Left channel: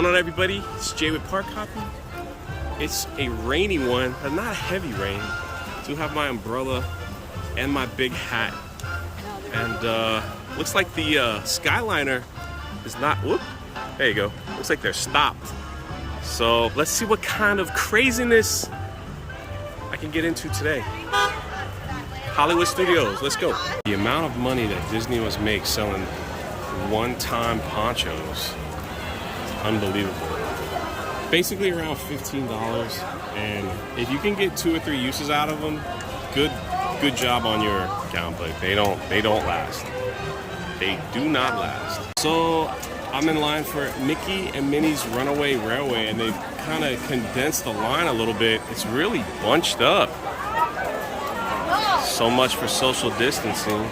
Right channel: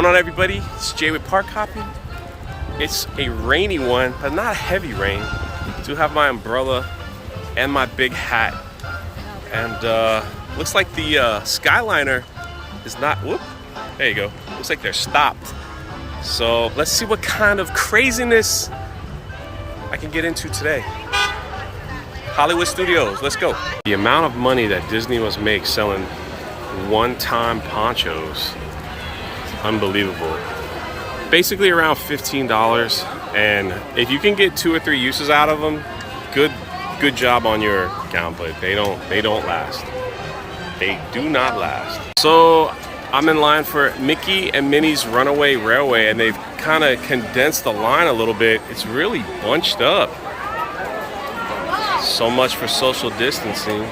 What's going on, everybody? It's Jay with Park Hopping. It's a rainy one, but not a heavy rain. I do have my umbrella and my big hat. And looks like the Skyliner is not, whoop, there you go. Looks like they're stopped. So let's see what kind of craziness I can get into today. Hollywood Studios, let's go. The amount of money that Disney must make selling one-time ponchos, unbelievable. Basically around $15, and if you can get 2 or 3 uses out of them, good job on your account, but they don't last. They do not last. So I'm in line for Mickey and Minnie's Runaway Railway, and they've kind of condensed the line a little bit. It's really bunched up. So much for social distancing.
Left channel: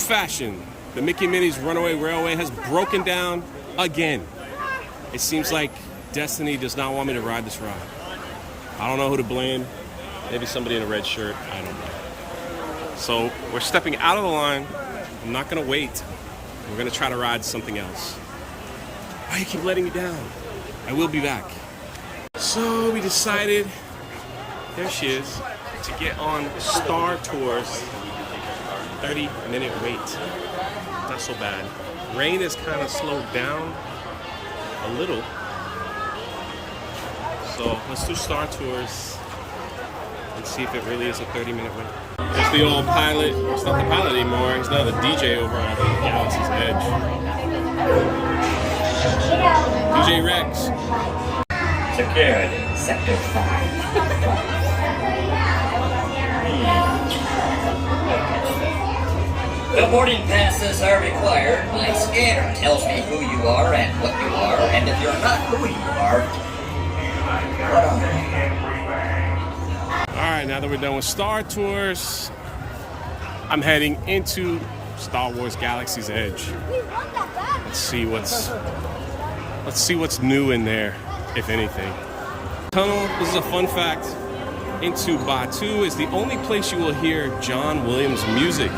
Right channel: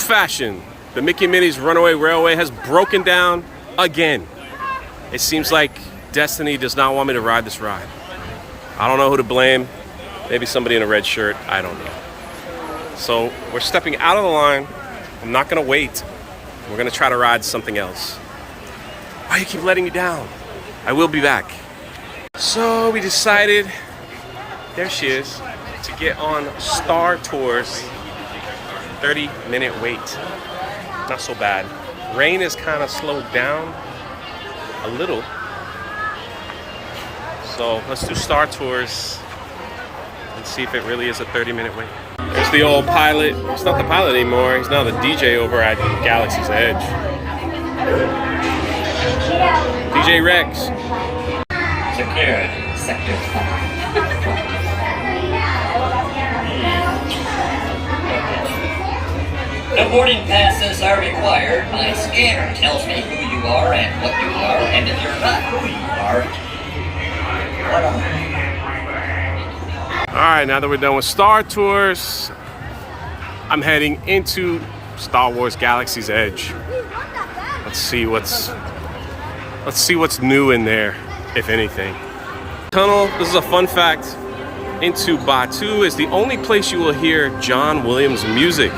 Fashion. The Mickey and Minnie's Runaway Railway has broken down again. It seems like destiny does not want me to ride this ride. I don't know who to blame. Maybe somebody in a red shirt. I don't know. So we're stepping out of the line. I'm not gonna wait. We're gonna try to ride something else. Why you keep letting me down? I will be back. So we decided, there she is, to get on Star Tours. 30-minute wait. Not so bad. Rain is kind of slowed down a little. So let's do Star Tours and see if it really is a 30-minute wait. There's the old pilot. He's not the pilot anymore. He's now the DJ over at Galaxy's Edge. DJ Rex. Security, Sector 5. The boarding passes are required. My scanner tells me who you are and what you are, and if you're not who you are, All right, now that we're done with Star Tours, I'm heading into Star Wars Galaxy's Edge. Let's see what's new in there, if anything. Tunnel, this is a fun fact, into Batuu is the only place you will hear John Williams music.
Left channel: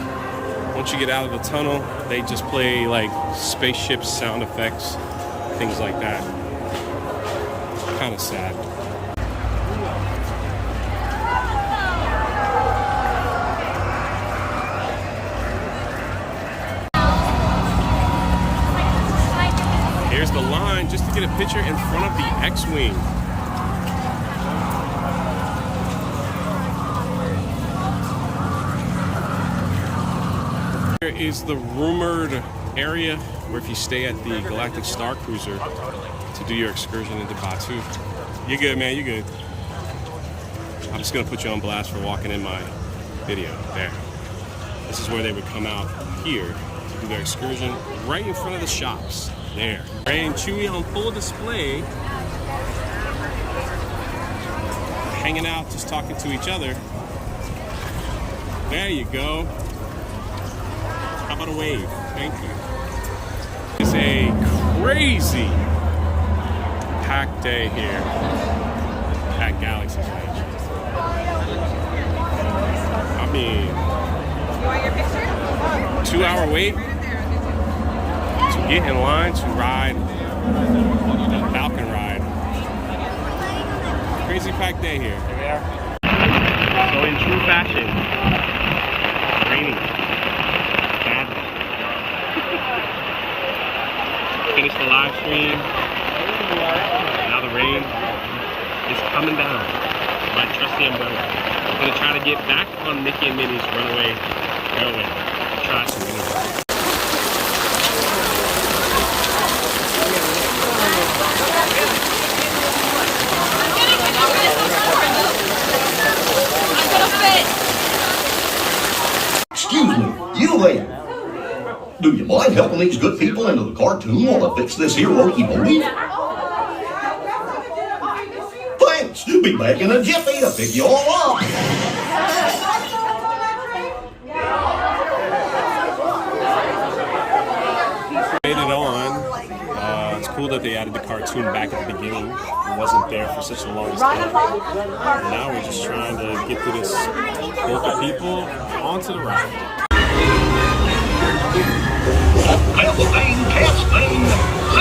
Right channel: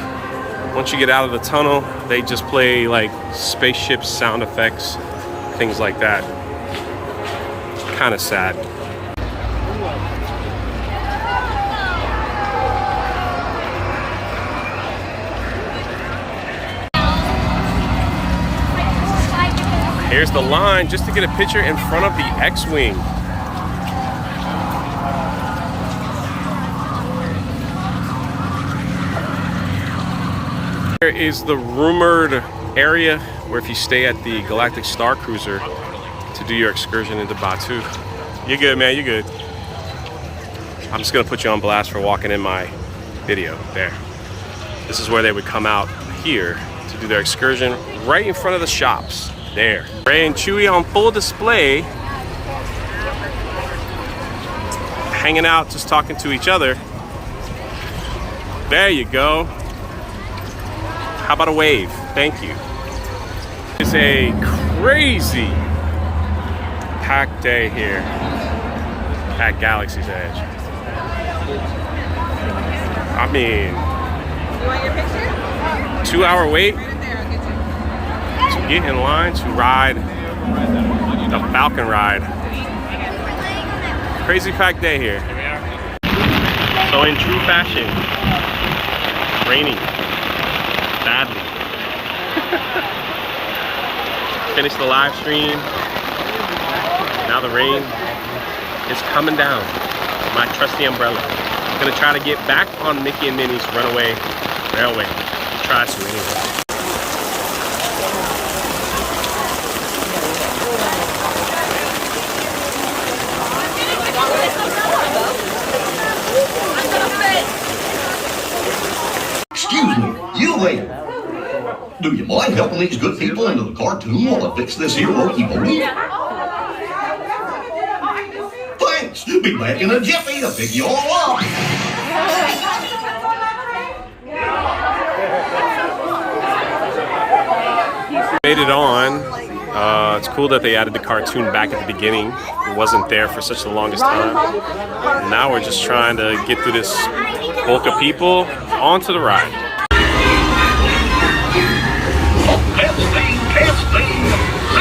Once you get out of the tunnel, they just play like spaceship sound effects, things like that. Kind of sad. Here's the line just to get a picture in front of the X-Wing. Here is the rumored area where if you stay at the Galactic Star Cruiser to do your excursion into Batuu. You're good, man, you're good. I'm just gonna put you on blast for walking in my video there. This is where they would come out here to do their excursion right in front of the shops there. Rey and Chewie on full display, hanging out, just talking to each other. There you go. How about a wave? Thank you. It's a crazy packed day here at Galaxy's Edge. I mean, 2-hour wait to get in line to ride the Falcon ride. Crazy packed day here. So in true fashion, raining. Badly. Finished the live stream. Now the rain is coming down. My trusty umbrella. I'm gonna try to get back on Mickey and Minnie's Runaway Railway. Try to anyway. Excuse me, you there. Do you mind helping these good people into the cartoon while I fix this here wokey-pokey? Thanks. Be back in a jiffy to pick you all up. Made it on. It's cool that they added the cartoon back at the beginning. It wasn't there for such the longest time. Now we're just trying to get through this bulk of people onto the ride. Testing.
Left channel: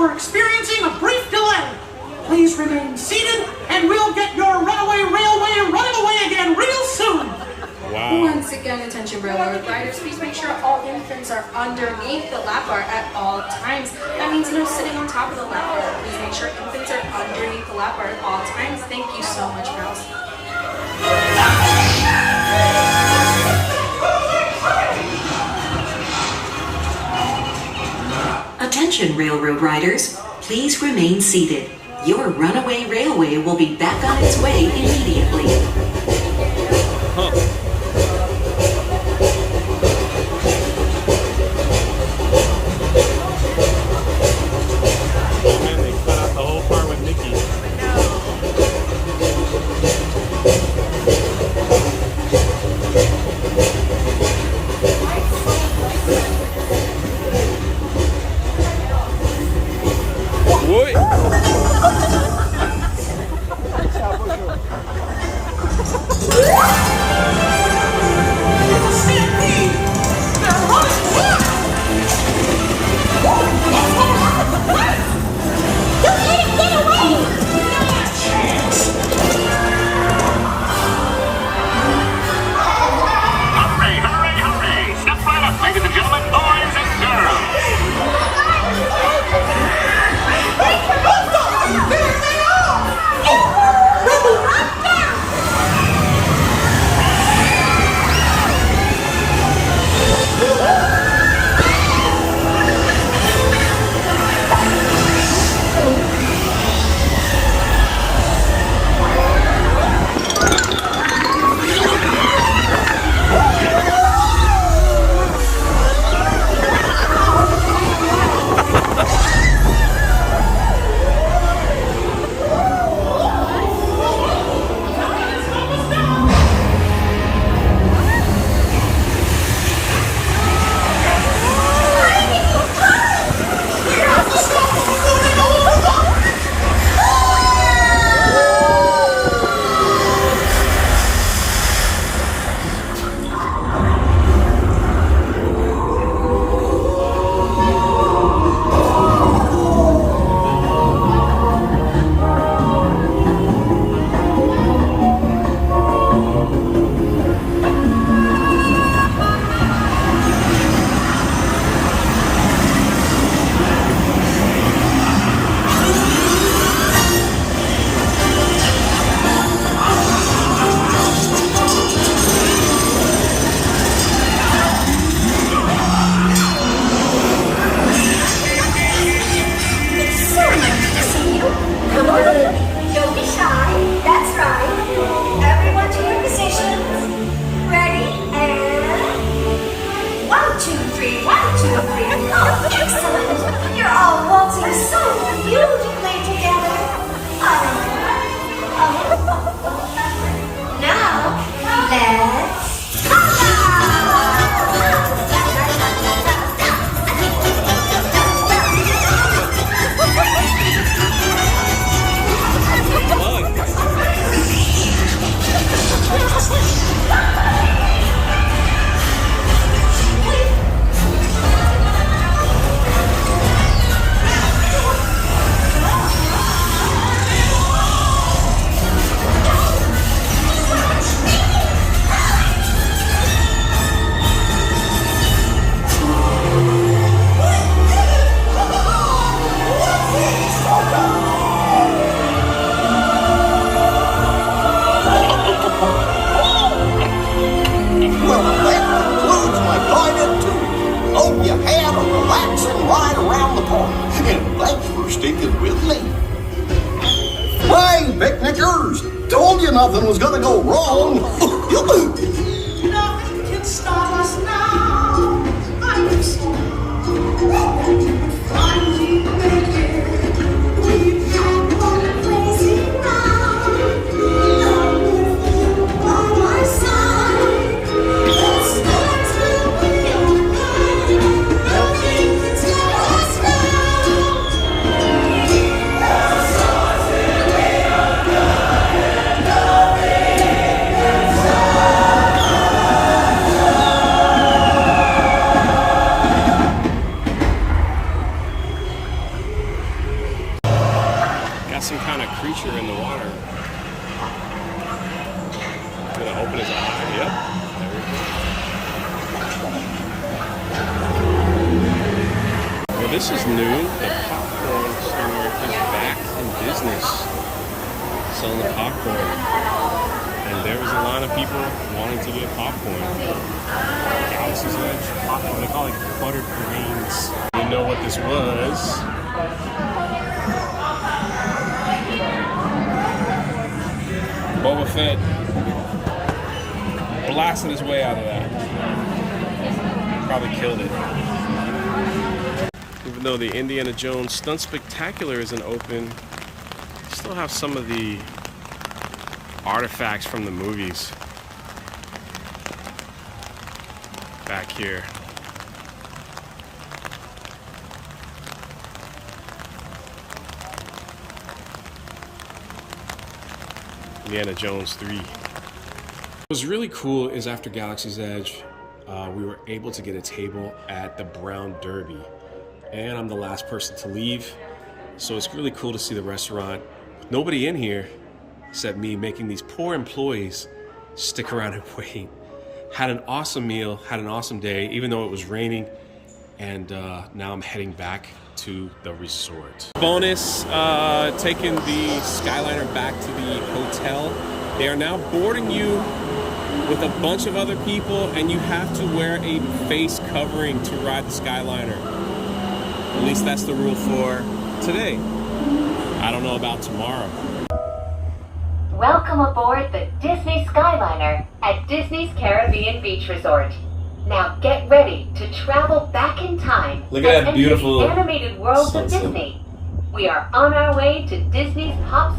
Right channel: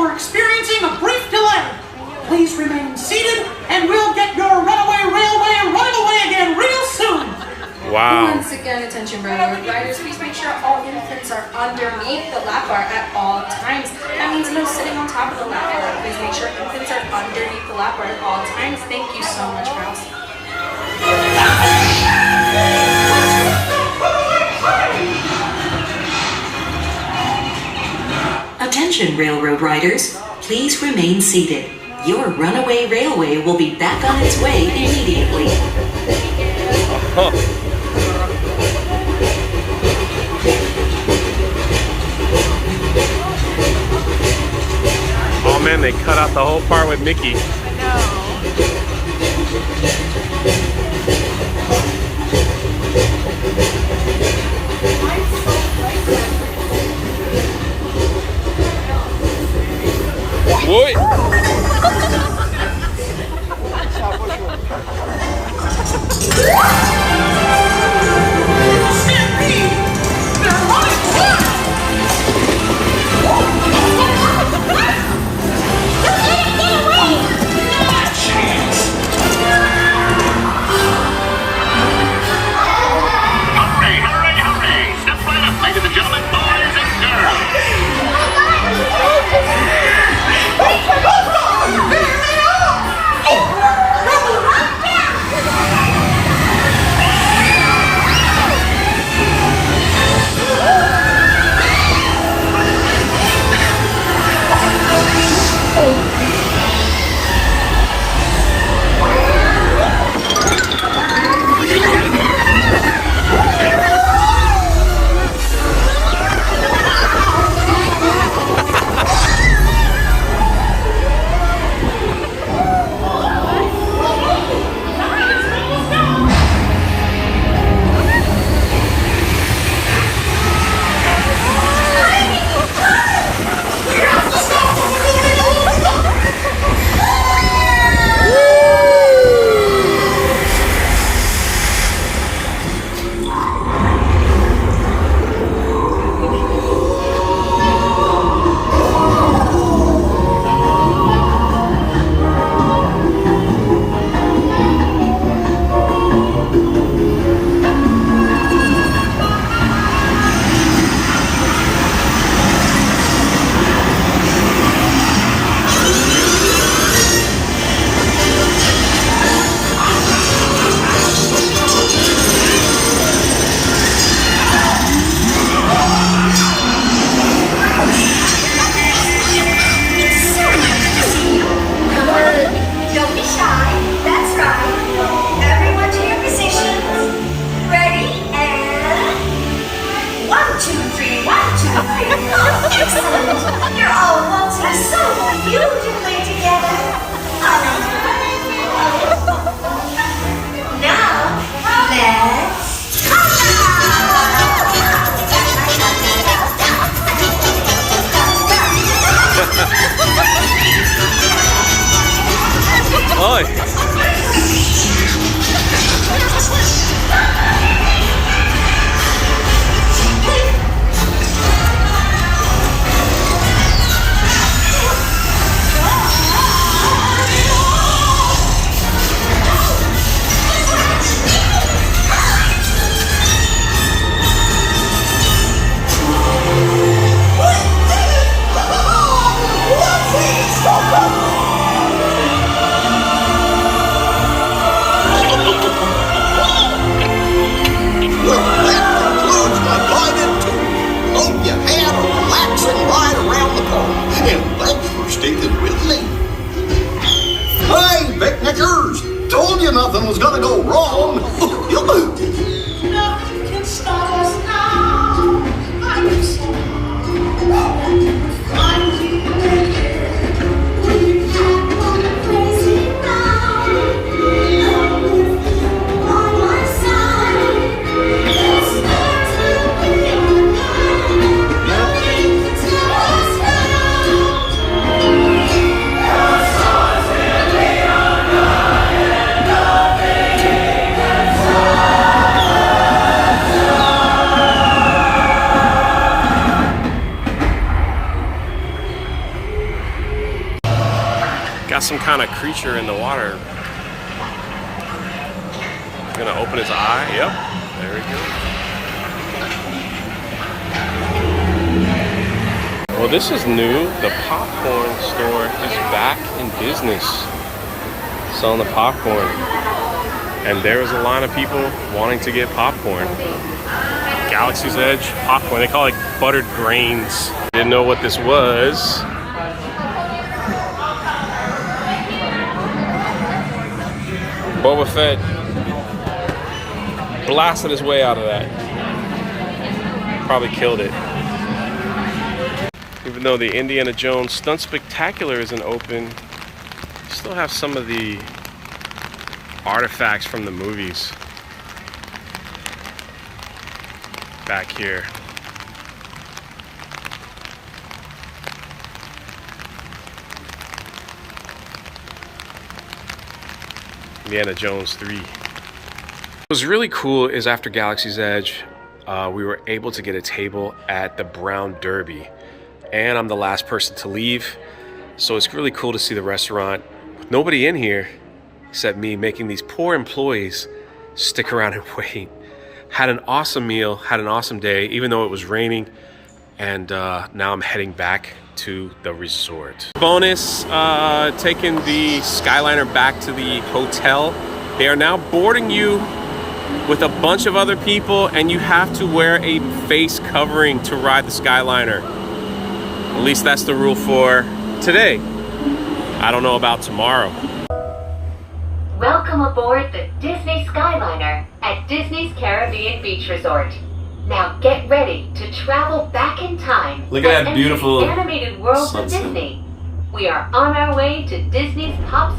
we're experiencing a brief delay. Please remain seated, and we'll get your Runaway Railway running away again real soon. Wow. Once again, attention railroad riders, please make sure all infants are underneath the lap bar at all times. That means no sitting on top of the lap bar. Please make sure infants are underneath the lap bar at all times. Thank you so much, House. Attention railroad riders, please remain seated. Your Runaway Railway will be back on its way immediately. Oh man, they cut out the whole part with Mickey. Boy. Hurry! Step right up, ladies and gentlemen, boys and girls. Excellent. You're all waltzing so beautifully together. Now, let's Oi. And thanks for sticking with me. Hey, picnickers! Told you nothing was gonna go wrong. Nothing can stop us now. I am so finally make it. We've had one crazy night. On my side, let's start to be alright. Nothing can stop us now. got some kind of creature in the water. He's gonna open his eye. Yep, there we go. Well, this is new. The popcorn store is back in business, selling the popcorn. And there was a line of people wanting to get popcorn. Galaxy's Edge popcorn. They call it buttered grains. Didn't know what this was. Boba Fett blasted his way out of that. Probably killed it. Even though the Indiana Jones Stunt Spectacular isn't open, you still have some of the artifacts from the movies back here. Indiana Jones 3. What was really cool is after Galaxy's Edge, we were able to get a table at the Brown Derby. And I'm the last person to leave. So it's really cool to see the restaurant with nobody in here except me, making these poor employees stick around and wait. Had an awesome meal, had an awesome day, even though it was raining. And now I'm heading back to the resort. Bonus, taking the Skyliner back to the hotel. They are now boarding you with a bunch of other people, and you have to wear a face covering to ride the Skyliner. At least that's the rule for today. I don't know about tomorrow. Welcome aboard the Disney Skyliner at Disney's Caribbean Beach Resort. Now get ready to travel back in time. Look at that and beautiful enter the animated world of sunset. Disney. We are on our way to Disney's top